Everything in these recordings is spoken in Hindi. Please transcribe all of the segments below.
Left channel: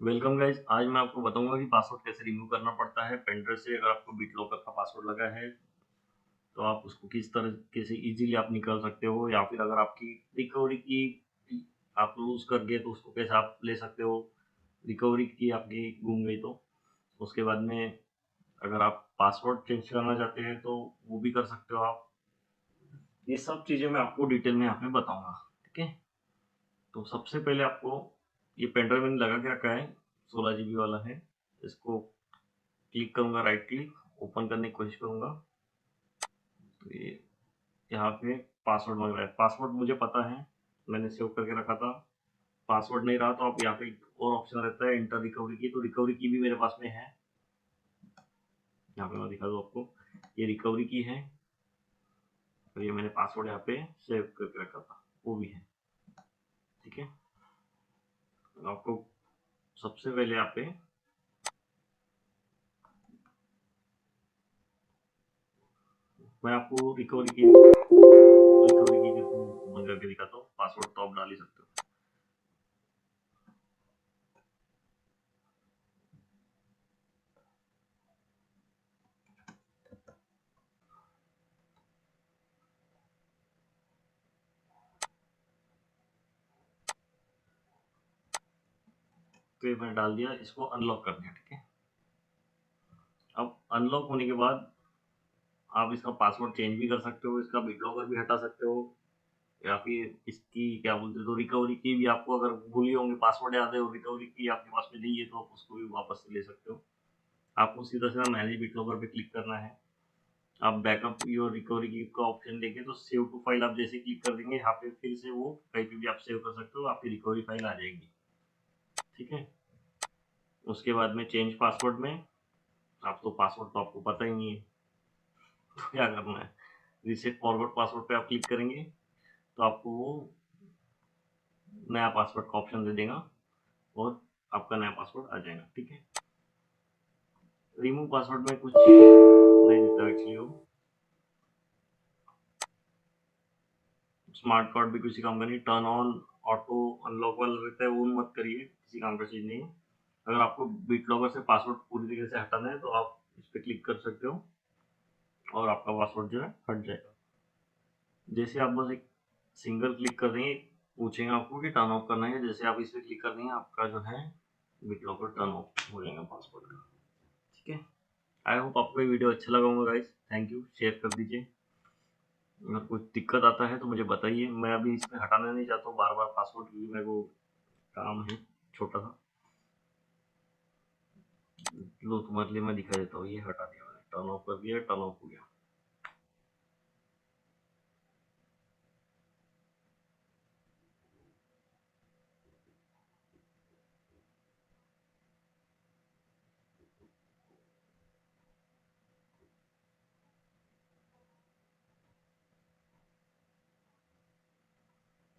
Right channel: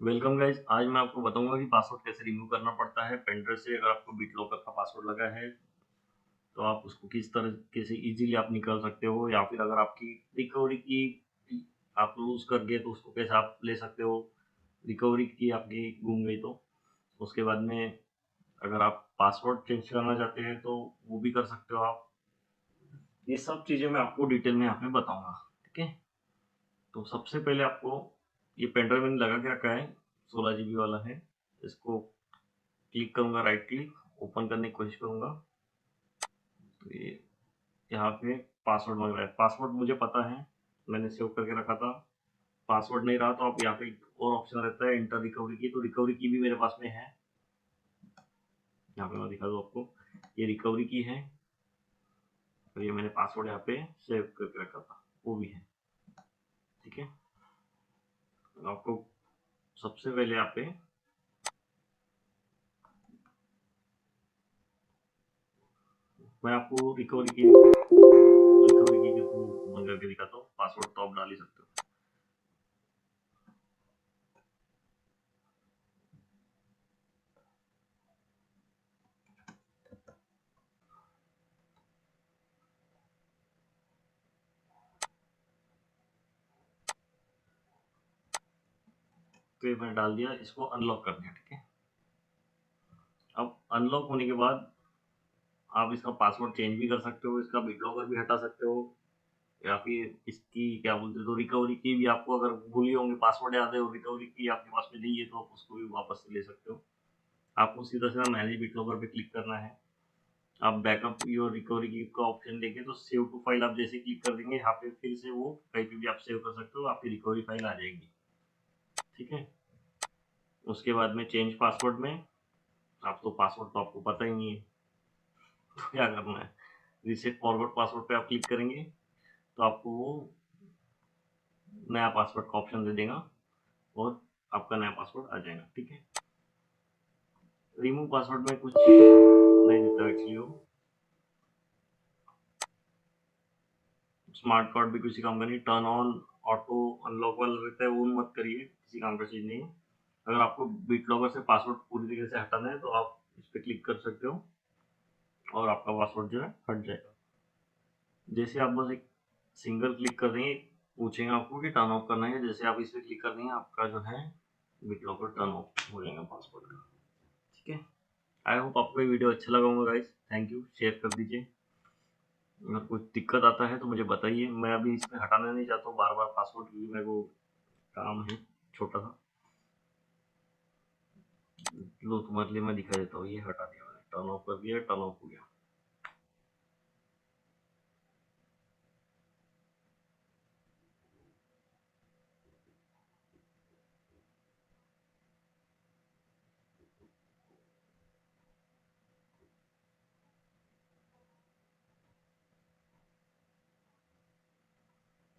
Welcome guys. आज मैं आपको बताऊंगा कि पासवर्ड कैसे रिमूव करना पड़ता है पेन ड्राइव से। अगर आपको बीटलॉकर का पासवर्ड लगा है तो आप उसको किस तरीके से इजीली आप निकाल सकते हो, या फिर अगर आपकी रिकवरी की आप लूज कर गए तो उसको कैसे आप ले सकते हो। रिकवरी की आपकी गुम गई तो उसके बाद में अगर आप पासवर्ड चेंज करना चाहते हैं तो वो भी कर सकते हो आप। ये सब चीज़ें मैं आपको डिटेल में यहाँ पे बताऊंगा। ठीक है, तो सबसे पहले आपको ये पेन ड्राइव मैंने लगा के रखा है, 16 GB वाला है। इसको क्लिक करूंगा, राइट क्लिक ओपन करने की कोशिश करूंगा तो ये यहाँ पे पासवर्ड मांग रहा है। पासवर्ड मुझे पता है, मैंने सेव करके रखा था। पासवर्ड नहीं रहा तो आप यहाँ पे एक और ऑप्शन रहता है इंटर रिकवरी की, तो रिकवरी की भी मेरे पास में है। यहाँ पे मैं दिखा दूँ आपको, ये रिकवरी की है और ये मैंने पासवर्ड यहाँ पे सेव करके रखा था, वो भी है। ठीक है, तो आपको सबसे पहले यहाँ पे मैं आपको रिकवरी की के थ्रू बंद करके दिखाता हूँ। पासवर्ड तो आप डाल ही सकते हो। तो ये मैंने डाल दिया, इसको अनलॉक कर दिया। ठीक है, अब अनलॉक होने के बाद आप इसका पासवर्ड चेंज भी कर सकते हो, इसका बीटलॉकर भी हटा सकते हो, या फिर इसकी क्या बोलते हैं तो रिकवरी की भी आपको अगर भूली होंगे पासवर्ड याद है और रिकवरी की आपके पास में नहीं है तो आप उसको भी वापस से ले सकते हो। आपको सीधा सीधा मैनेज बीटलॉकर पे क्लिक करना है। आप बैकअप योर रिकवरी की का ऑप्शन देंगे तो सेव टू फाइल आप जैसे क्लिक कर देंगे यहाँ पे फिर से वो कहीं पे भी आप सेव कर सकते हो, आपकी रिकवरी फाइल आ जाएगी। ठीक है, उसके बाद में चेंज पासवर्ड में आप तो पासवर्ड तो आपको पता ही नहीं है तो क्या करना है, रीसेट फॉरवर्ड पासवर्ड पे आप क्लिक करेंगे तो आपको वो नया पासवर्ड का ऑप्शन दे देगा और आपका नया पासवर्ड आ जाएगा। ठीक है, रिमूव पासवर्ड में कुछ नहीं देता एक्चुअली वो। स्मार्ट कार्ड भी किसी काम का नहीं, टर्न ऑन ऑटो अनलॉक वाला रहता है वो मत करिए, किसी काम का चीज़ नहीं है। अगर आपको बीट लॉकर से पासवर्ड पूरी तरीके से हटाना है तो आप इस पर क्लिक कर सकते हो और आपका पासवर्ड जो है हट जाएगा। जैसे आप बस एक सिंगल क्लिक कर देंगे, पूछेंगे आपको कि टर्न ऑफ करना है, जैसे आप इस पर क्लिक कर देंगे आपका जो है बीट लॉकर टर्न ऑफ हो जाएगा पासवर्ड का। ठीक है, आई होप आपको ये वीडियो अच्छा लगा होगा गाइस। थैंक यू, शेयर कर दीजिए। अगर कुछ दिक्कत आता है तो मुझे बताइए, मैं अभी इसमें हटाना नहीं चाहता हूँ बार बार पासवर्ड, क्योंकि मेरे को काम है छोटा सा। लो तुम्हारे लिए मैं दिखा देता हूँ, ये हटा दिया मैंने, टर्न ऑफ कर दिया, टर्न ऑफ हो गया।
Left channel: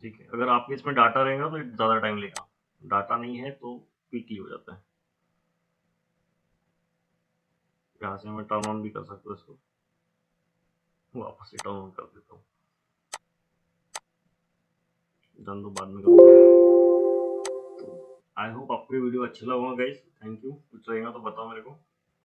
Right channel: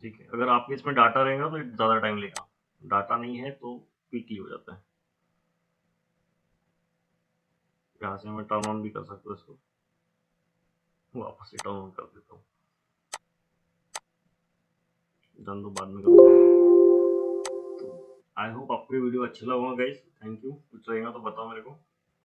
ठीक है, अगर आपके इसमें डाटा रहेगा तो ज़्यादा टाइम लेगा, डाटा नहीं है तो क्विकली हो जाता है। यहाँ से मैं टर्न ऑन भी कर सकता हूँ इसको, वापस से टर्न ऑन कर देता हूँ, डन तो बाद में करूँगा। तो आई होप आपको ये वीडियो अच्छा लगा होगा गाइस। थैंक यू, कुछ रहेगा तो बताओ मेरे को।